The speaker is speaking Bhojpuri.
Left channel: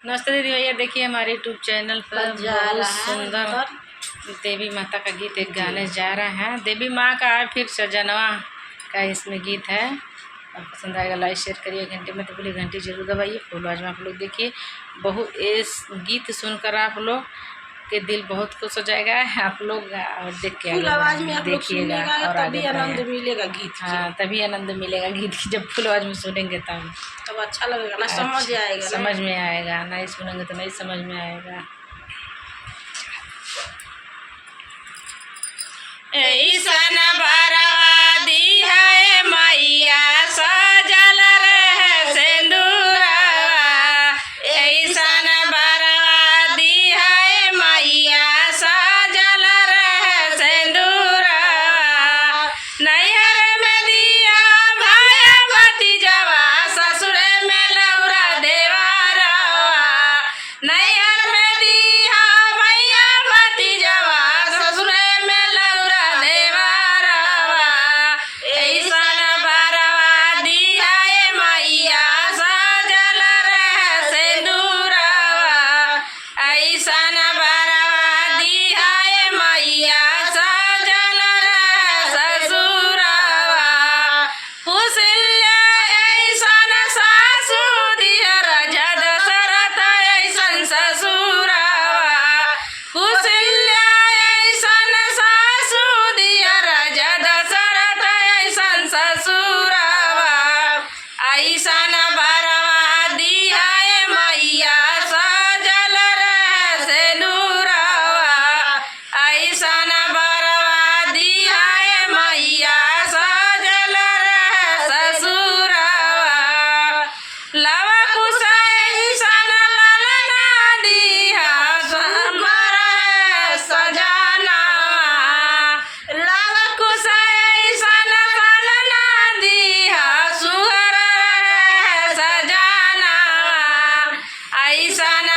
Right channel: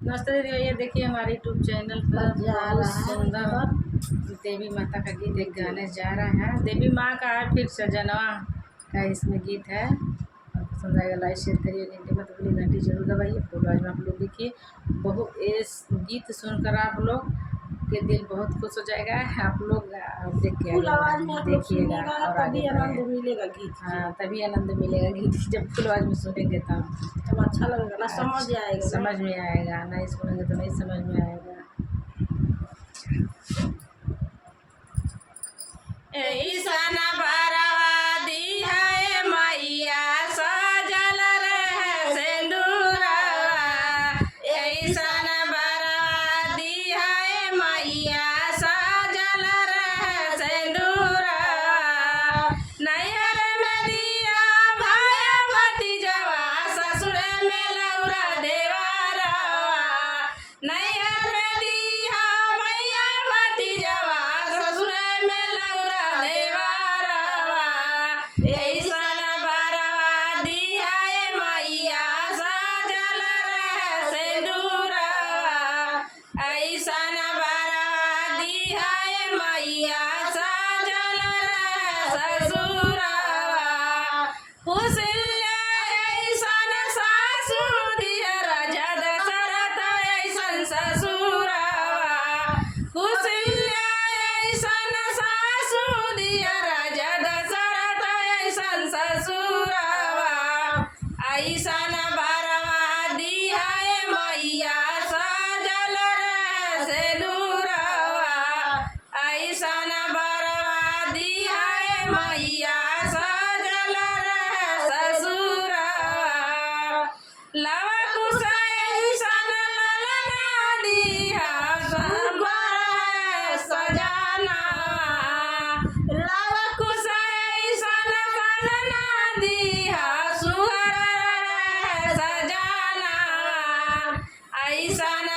नमस्ते दीदी भैया, देखिए हमारे यूट्यूब चैनल पर बहुत सुंदर देवी माता का गीत एक गाने जा रहा है। देवी माँ का फिर सजनवा का इसमें गीत है। आपको पसंद आएगा, लाइक शेयर करिए। घंटे में तो बोली घंटी जरूर दबाइए। फुल आवाज में आप लोग देखिए। इस गीत सुनकर आप लोग के दिल बहुत खुश हो जाएगा। आप लोग और देख के फुल आवाज में आप लोग देखिएगा सुनिएगा, तभी आनंद मिलेगा गीत की। हाँ, तभी आनंद मिलेगा गीत की। जब फुल आवाज में सुनेंगे तब अच्छा लगेगा ना, समझ आएगा, समझ में आएगा। नहीं सुनेंगे तो नहीं समझ में आएगा। ऐसन बरवा दी है मैया सजल रहे सिंदूरवा। ऐसन बरवा दी है मैया सजल रहे सिंदूरवा। नैहर में दिया भाई भतीजवा, ससुर में लौरा देवरवा। नैहर में दिया भैया भतीजवा, ससुर में लौरा देवरवा। ऐसन बरवा दिया मैया सजल रहे सिंदूरवा। ऐसन बरवा दिया मैया सजल रहे ससुरवा। हुसैया ऐसन सासु दियर, जद शरत ऐसन ससुरवा। हुसैया ऐसन सासु दियर, जद शरत ऐसन ससुरवा। ऐसन बरवा दिया मैया सजल रहे सिंदूरवा। ऐसन बरवा दिया मैया सजल रहे ससुरवा। लव कुश ऐसन ललना दिया, सुंदर है सजनवा। लव कुश ऐसन ललना दिया, सुंदर है सजनवा। ऐसन